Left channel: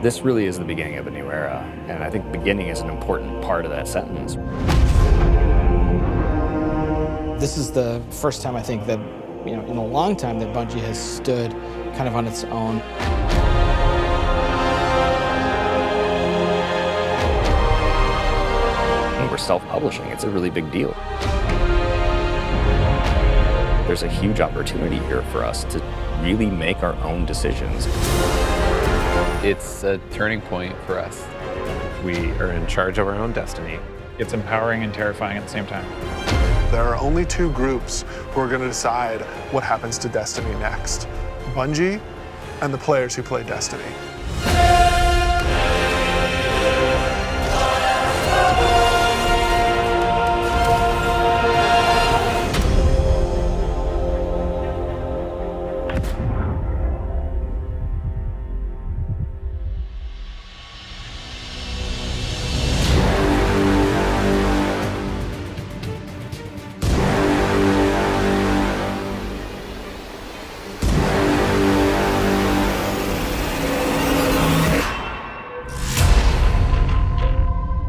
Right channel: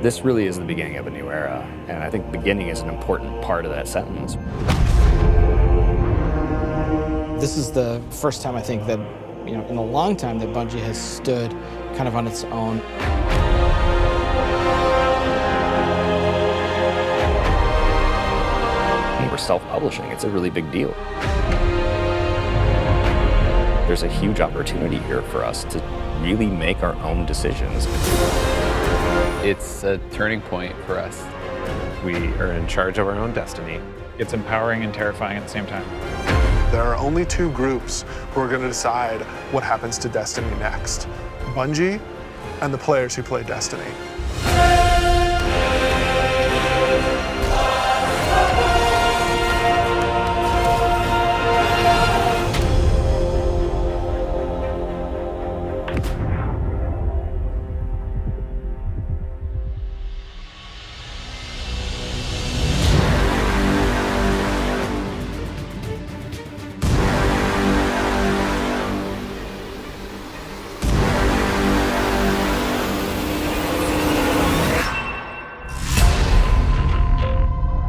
This really is the beginning of a new era, and I think beginning is an important part of that sentence. This is the first time I think that, in a long time that Bungie has stood kind of on its own. And we're self-publishing. It's a really big deal. There's a huge opportunity here for us to really make our own decisions. It's a turning point for us. We are in charge of our own destiny. It's empowering and terrifying at the same time. There are only two groups who are going to decide what happens to Destiny next: Bungie and the players who play Destiny.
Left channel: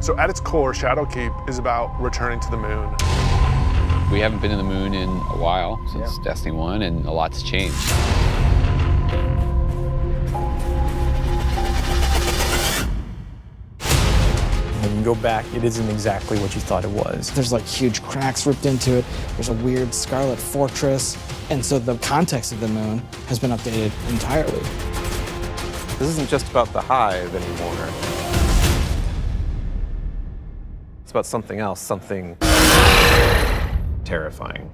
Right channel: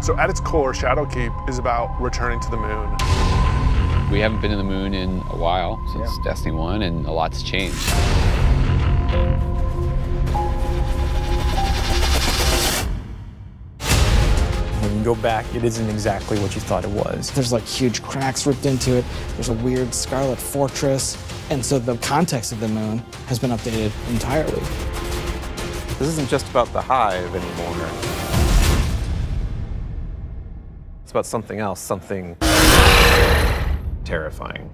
So at its core, Shadowkeep is about returning to the moon. We haven't been to the moon in a while, since Destiny 1, and a lot's changed. When you go back, it isn't exactly what you thought it was. There's like huge cracks ripped into it. There's a weird scarlet fortress. And so the context of the moon has been updated entirely. This isn't just about the hive anymore. It's about something else, something terrifying.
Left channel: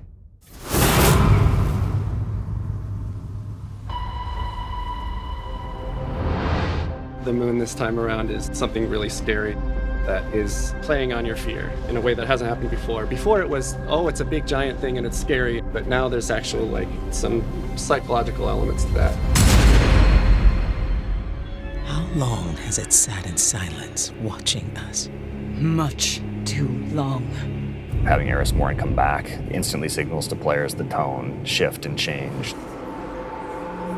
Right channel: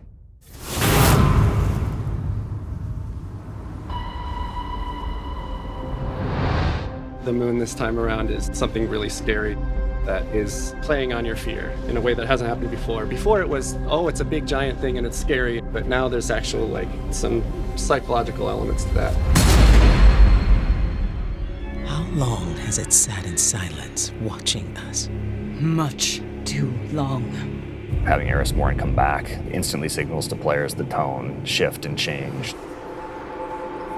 The moon this time around is something really scary that is playing on your fear in a way that hasn't happened before. Before it was, oh, it's a big giant thing and it's scary, but now there's actual some psychological elements to that. How long has it sat in silence, watching us? Much too long. Having Eris Morn come back instantly signals to players the tone shift and change.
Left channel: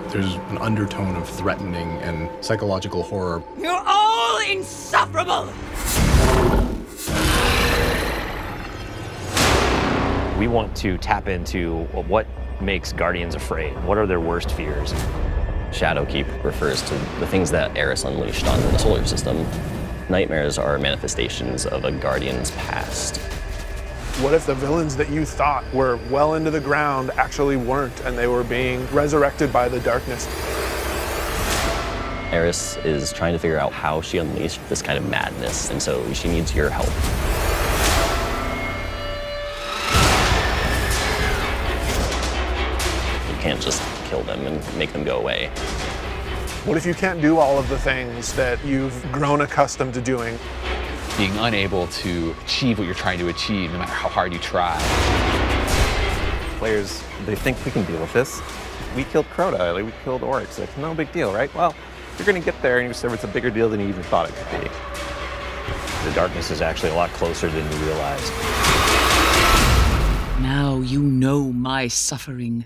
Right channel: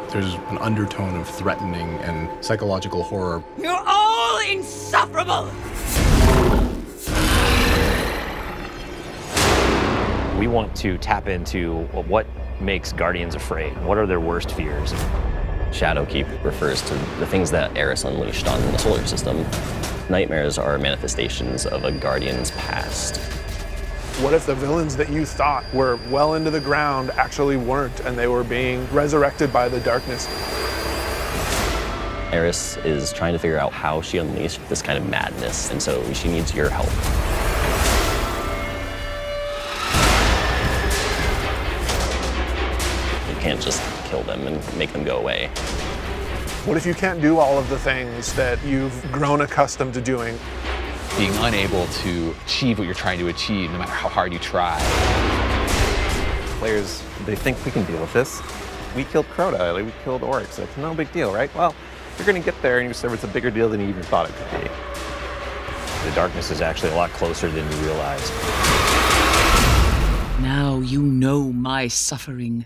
There's an undertone of threatening and psychological horror. You're all insufferable! We want to tap into what makes Guardians afraid. What are their worst fears? Shadowkeep refers to the things that Eris unleashed on the solar system. Nightmares are manifestations of a Guardian's past. What if the villains that you thought were well into the ground actually weren't, and they were being resurrected by the darkness? Eris is trying to figure out how she unleashed this kind of madness, and so she needs your help. You can't just kill them and make them go away. What if you can't do all of the things that you've grown accustomed to doing? Being unable to achieve what you're trying to achieve, no matter how hard you try. Players, they think we can deal with this. We killed Crota, we killed orcs. No big deal, right? Well, you're gonna get there and you discover it's a bigger deal than you even thought it could be. The darkness is actually a lot closer than you realized. Now you know my suffering.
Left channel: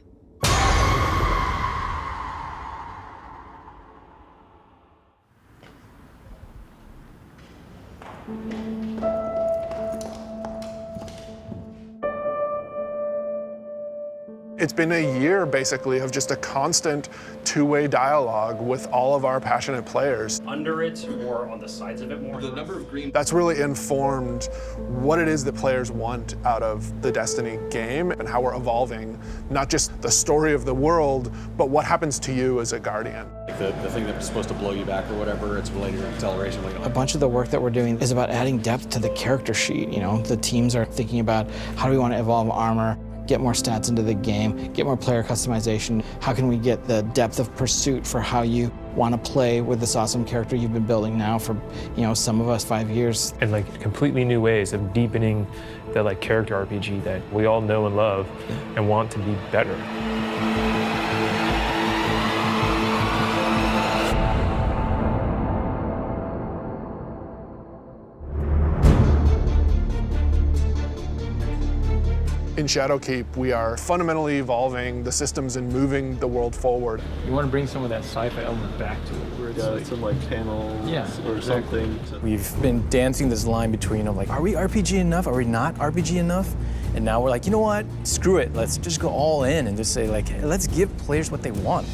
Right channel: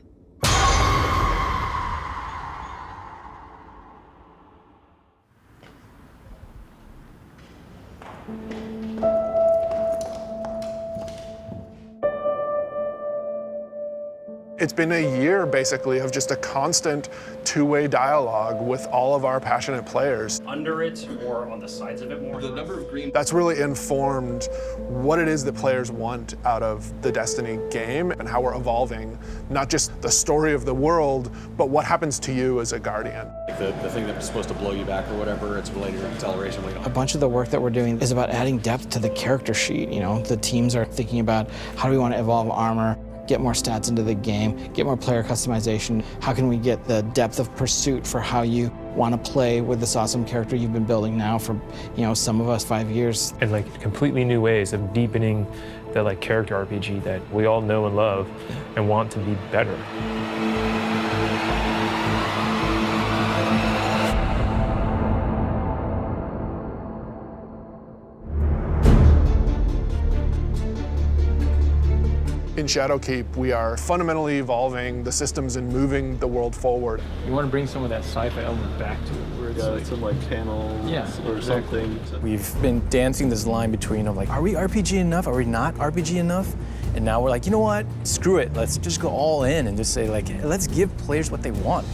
It's been a year, basically, of just a constant two-way dialogue with all of our passionate players. Under it or on the sides of it more? The number of green... That's really informed what it is that players want out of the Destiny game and how we're evolving, not just the story of the world, but what happens to you as a Guardian. The thing that was supposed to blow you back or whatever, it's related to acceleration. A bunch of the work that we're doing is about adding depth to the character sheet. The teams are thinking about how do we want to evolve armor, get more stats into the game, get more player customization. How can we get the depth of pursuit for how you want to play with this awesome character you've been building now for, some of us 5 years. And completely new ways of deepening the character RPG that we all know and love and want to be better. In Shadowkeep, we are fundamentally evolving the systems and moving the world forward. You want to bring some of that sci-fi element back to it, where it's like some like panels or exactly. something. We've been dancing this line between like, are we RPG enough? Are we not RPG enough? And now we're like, you know what? Screw it. Let's just go all in and just say like, hey, let's give players what they want.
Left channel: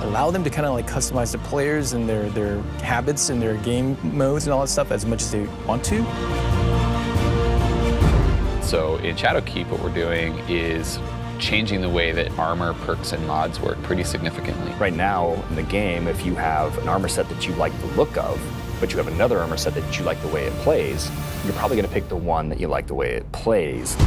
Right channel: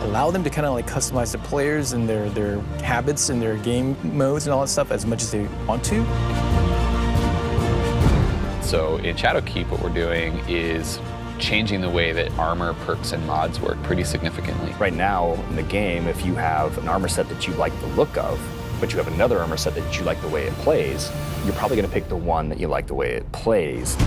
Allow them to kind of like customize the players and their habits and their game modes and all that stuff as much as they want to. So in Shadowkeep, what we're doing is changing the way that armor, perks, and mods work pretty significantly. Right now in the game, if you have an armor set that you like the look of, but you have another armor set that you like the way it plays, you're probably going to pick the one that you like the way it plays.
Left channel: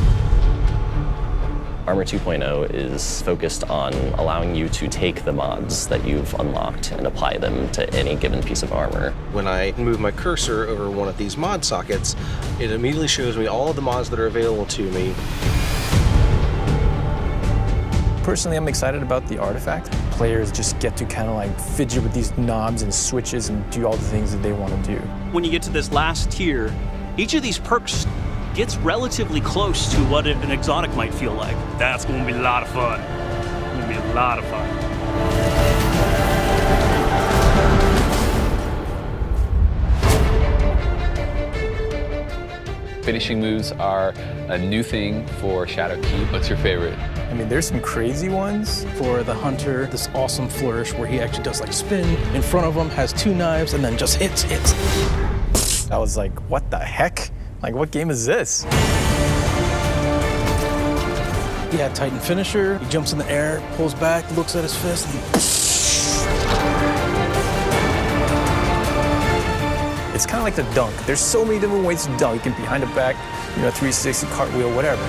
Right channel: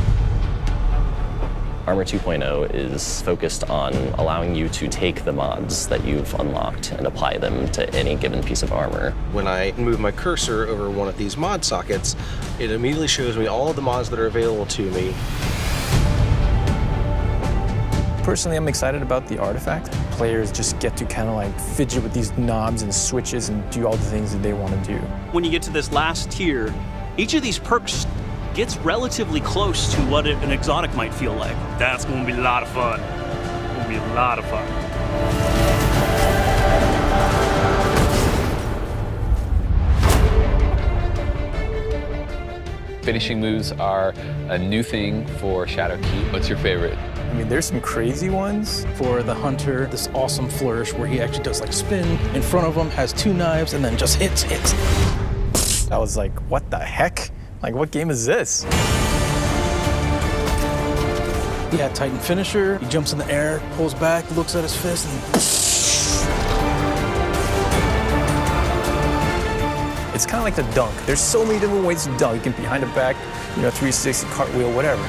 Armor 2.0 is focused on allowing you to take the mods that you've unlocked and apply them to any given piece of armor. When I move my cursor over one of these mod sockets, it immediately shows me all of the mods that are available to me. Personally, I'm excited about the artifact. Players just get to kind of like fidget with these knobs and switches and do all the things that they want to do. When you get to this last tier, each of these perks gets relatively close to what an exotic might feel like. That's going to be a lot of fun. It's going to be a lot of fun. Finishing moves are a new thing for Shadowkeep. What's your favorite? I mean, there's some crazy ones. For the hunter, this awesome flourish where he actually does like spin in front of him, has two knives, and then just hits. I was like, what the heck? Like, what game is this? Yeah, Titan finisher. He jumps in the air, pulls back, looks at his fist, and It's kind of like the dunk. There's so many different ways to dunk. You can behind the back, 360, cartwheel, whatever.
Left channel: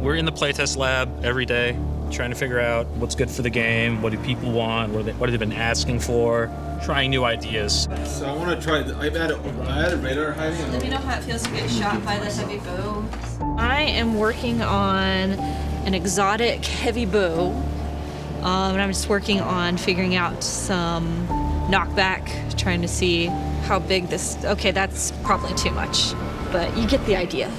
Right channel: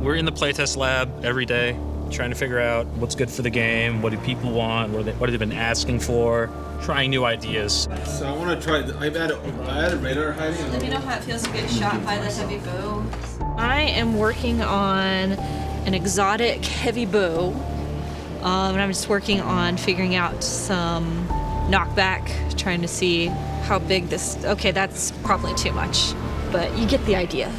We're in the playtest lab every day, trying to figure out what's good for the game, what do people want, what have they been asking for, trying new ideas. So I want to try, I added radar hiding. Let me know how it feels to get shot by the heavy bow. I am working on an exotic heavy bow, and I'm just working on figuring out some knockback, trying to see how big this, okay, that's probably too much, but you get the idea.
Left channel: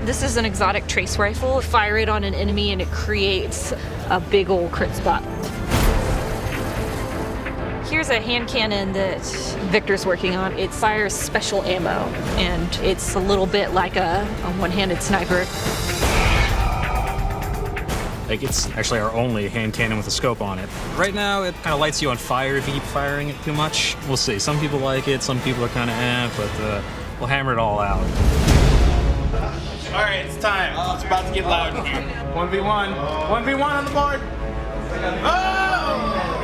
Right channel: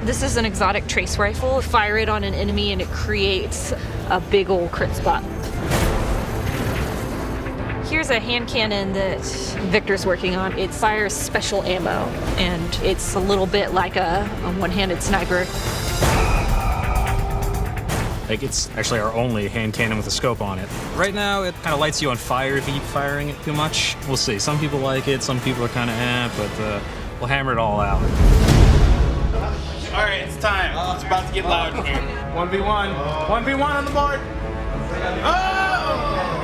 This is an exotic trace rifle. Fire it on an enemy and it creates a big old crit spot. Here's a hand cannon that Victor's working on. It fires special ammo, and it's a little bit like a one-handed sniper. Like, it's actually our only hand cannon with a scope on it. Right now, it kind of lights you on fire if you keep firing it too much. We'll see. Some people like it, some people are kind of but we'll hammer it all out. All right, it's time. It's about to get loud in here. 1v1. 1v1 on the board. Oh!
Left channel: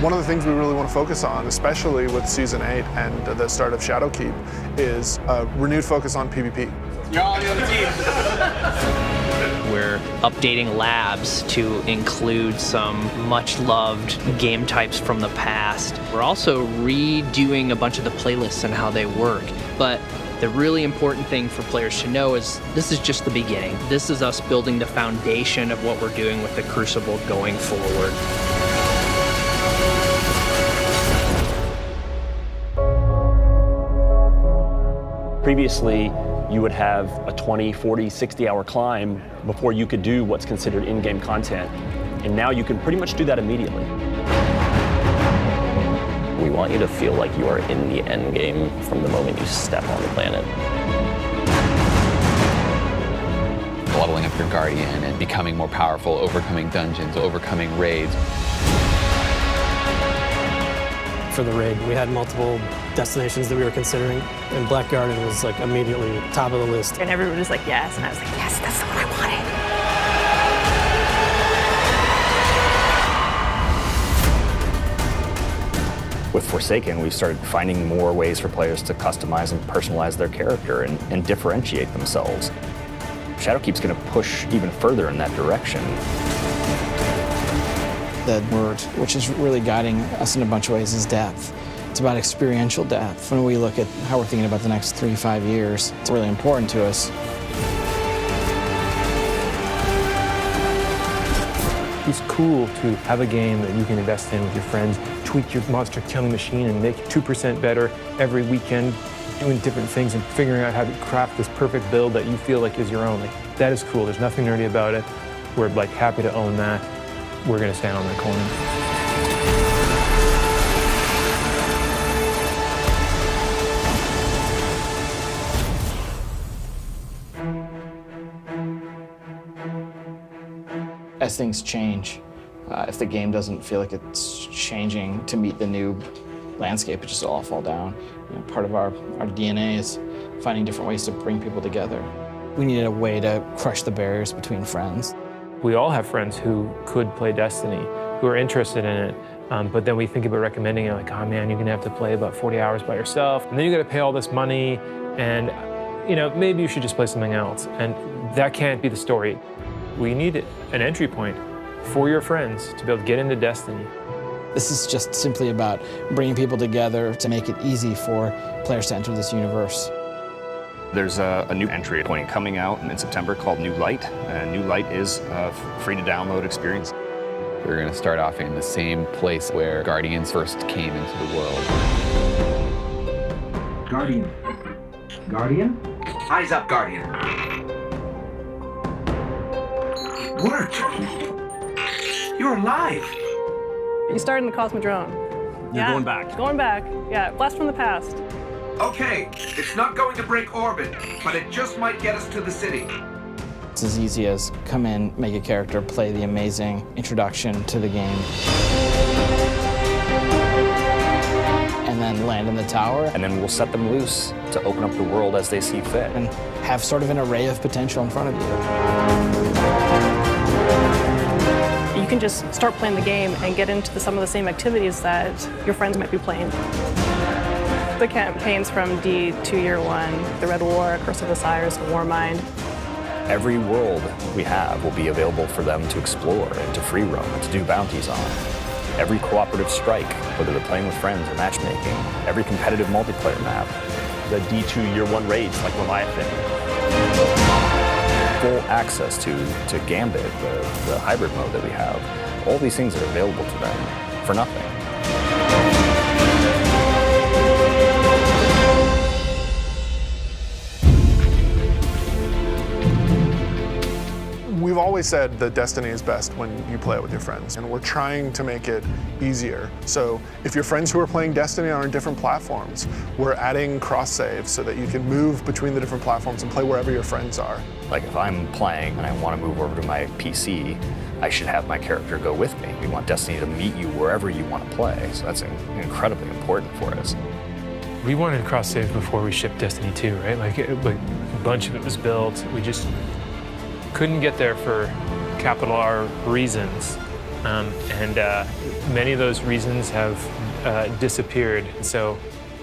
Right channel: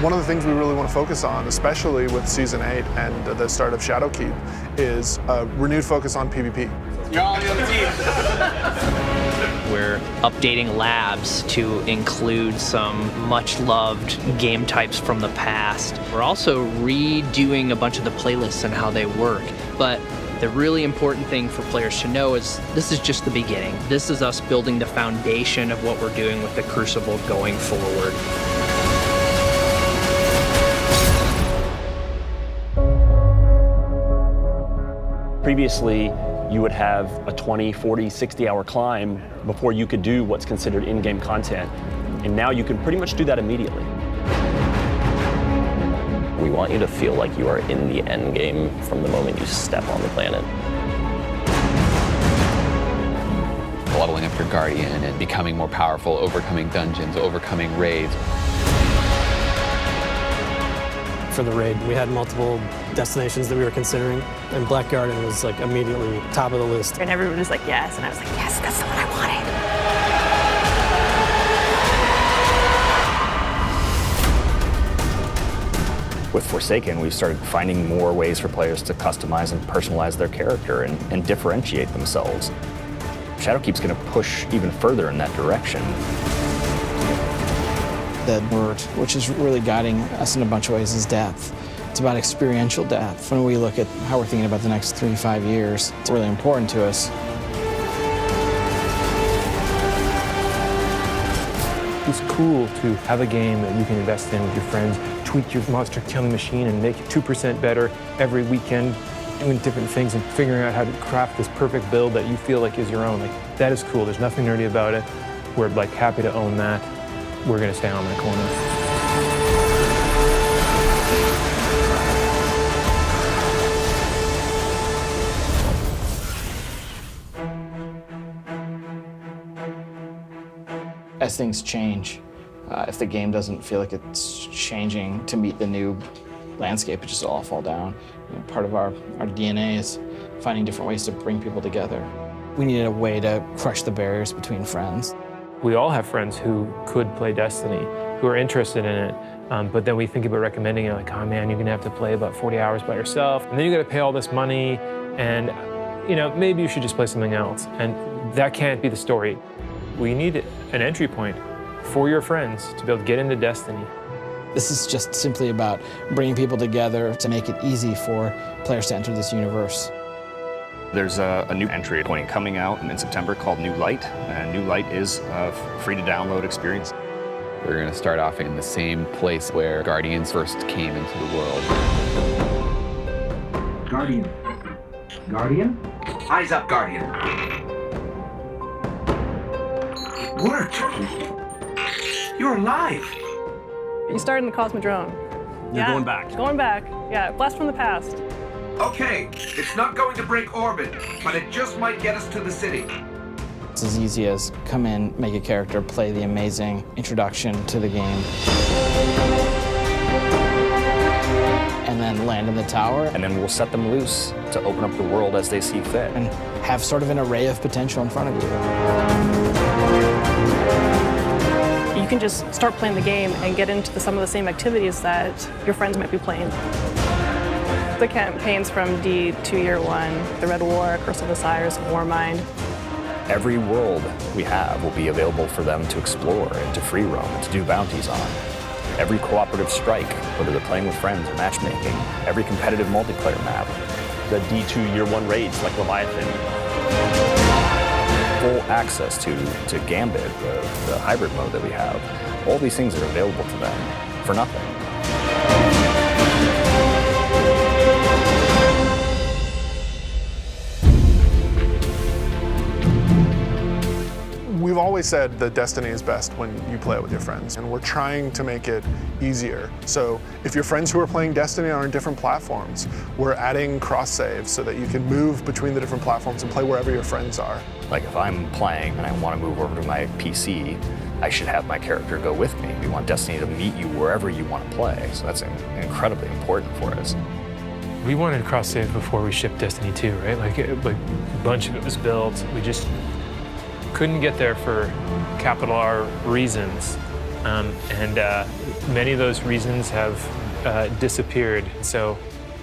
One of the things we really want to focus on, especially with Season 8 and the start of Shadowkeep, is a renewed focus on PvP. You're all on the other team. We're updating labs to include some much-loved game types from the past. We're also redoing a bunch of the playlists and how they work. But the really important thing for players to know is this is just the beginning. This is us building the foundation of what we're doing with the Crucible going forward. Previously, you would have a 20, 40, 60-hour climb before you could do what's considered in-game content. And now you can pretty much do that immediately. We want you to feel like you are in the end game from the moment you step on the planet. Leveling up your Guardian and becoming more powerful, overcoming dungeons, overcoming raids. For the raid, we had multiple destinations that we were considering, and Black Garden was like immediately top of the list. And everyone was like, yes, and I was like, yes, that's the one I wanted. With Forsaken, we've started finding more ways for players to customize and personalize their character and differentiate themselves. Shadowkeep's going to push even further in that direction. The word, which is really guiding us in a bunch of ways, is depth. It's about experiential depth. When we look at how we're thinking about the next 3-5 years, it's really important to us. It's cool to have a game that you can invest in with your friends, tweak your monster killing machine and make it 2% better every weekend, doing different things and figuring out how to craft this perfect build that you feel like is your own. Like, that is cool. There's nothing nerdy about it. We're like happy to own that. We're gonna stand on that corner. As things change, if the game doesn't feel like it's changing to meet the new landscape, it just all fall down. You know, part of our DNA is finding different ways to bring people together. We needed a way to crush the barriers between friends. We all have friends who could play Destiny, who are interested in it, but then we think about recommending it like, oh man, you're gonna have to play about 40 hours by yourself, and then you gotta pay all this money, and you know, maybe you should just play something else. And that can't be the story. We need an entry point for your friends to be able to get into Destiny. This is just simply about bringing people together to make it easy for players to enter this universe. There's a new entry point coming out in September called New Light, and New Light is a free-to-download experience. We're going to start off in the same place where Guardians first came into the world. Guardian. Guardian? Eyes up, Guardian. It worked. You're alive. You started in the Cosmodrome. You're going back. Going back. Yeah, blast from the past. Okay, it's not going to break orbit, but it just might get us to the city. It's as easy as come in, make a character, play the amazing introduction to the game, and then land in the tower. And then we'll set them loose to open up the world as they see fit. And have sort of an array of potential in front of you. You can just start playing the game and get into some of the same activities that your friends might be playing. The campaigns from D to Year One, the Red War, Curse of Osiris, Warmind. Every world we have will be available for them to explore and to free roam and to do bounties on. Every cooperative strike, whether they're playing with friends or matchmaking, every competitive multiplayer map. The D2 Year One raids like Leviathan. Full access to Gambit, the hybrid mode that we have. All these things are available to them for nothing. We've always said that Destiny is best when you play it with your friends, and we're trying to make it easier. So if your friends who are playing Destiny are on different platforms, we're adding cross-save so that you can move between the different platforms and play wherever your friends are. Like if I'm playing and I want to move over to my PC, I should have my character go with me. We want Destiny to meet you wherever you want to play, so that's incredibly important for us. We wanted cross-save before we shipped Destiny 2, right? Like a bunch of it was built. We just couldn't get there for capital R reasons. And many of those reasons have disappeared. So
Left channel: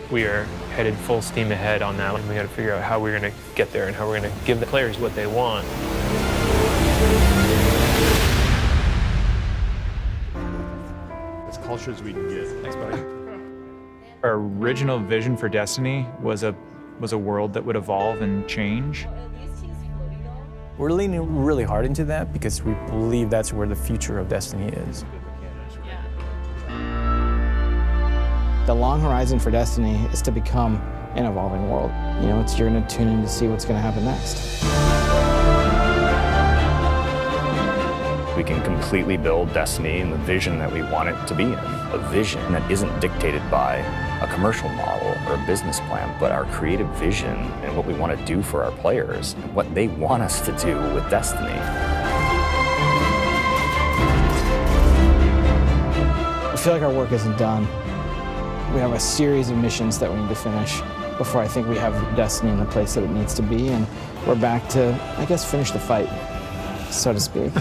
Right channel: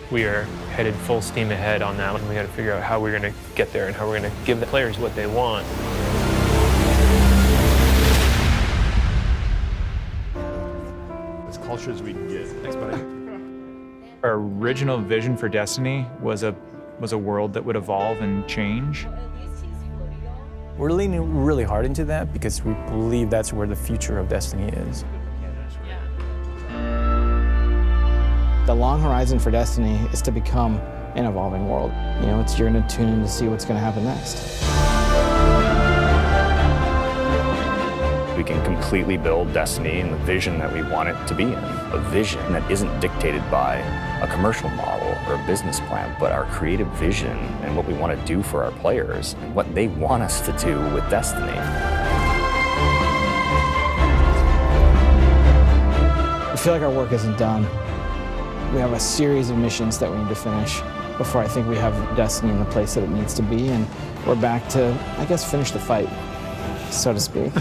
we are headed full steam ahead on that. And we got to figure out how we're going to get there and how we're going to give the players what they want. As culture as we can get. Thanks, buddy. Our original vision for Destiny was a world that would evolve and change. We're leaning really hard into that because we believe that's where the future of Destiny is. The long horizon for Destiny is to become an evolving world. You know, you're going to tune in to see what's going to happen next. We can completely build Destiny in the vision that we want it to be in. A vision that isn't dictated by a commercial model or a business plan, but our creative vision and what we want to do for our players and what they want us to do with Destiny. We feel like our work isn't done. We have a series of missions that we need to finish before I think we have Destiny in the place that it needs to be, and we're back to, I guess, finish the fight, so to speak.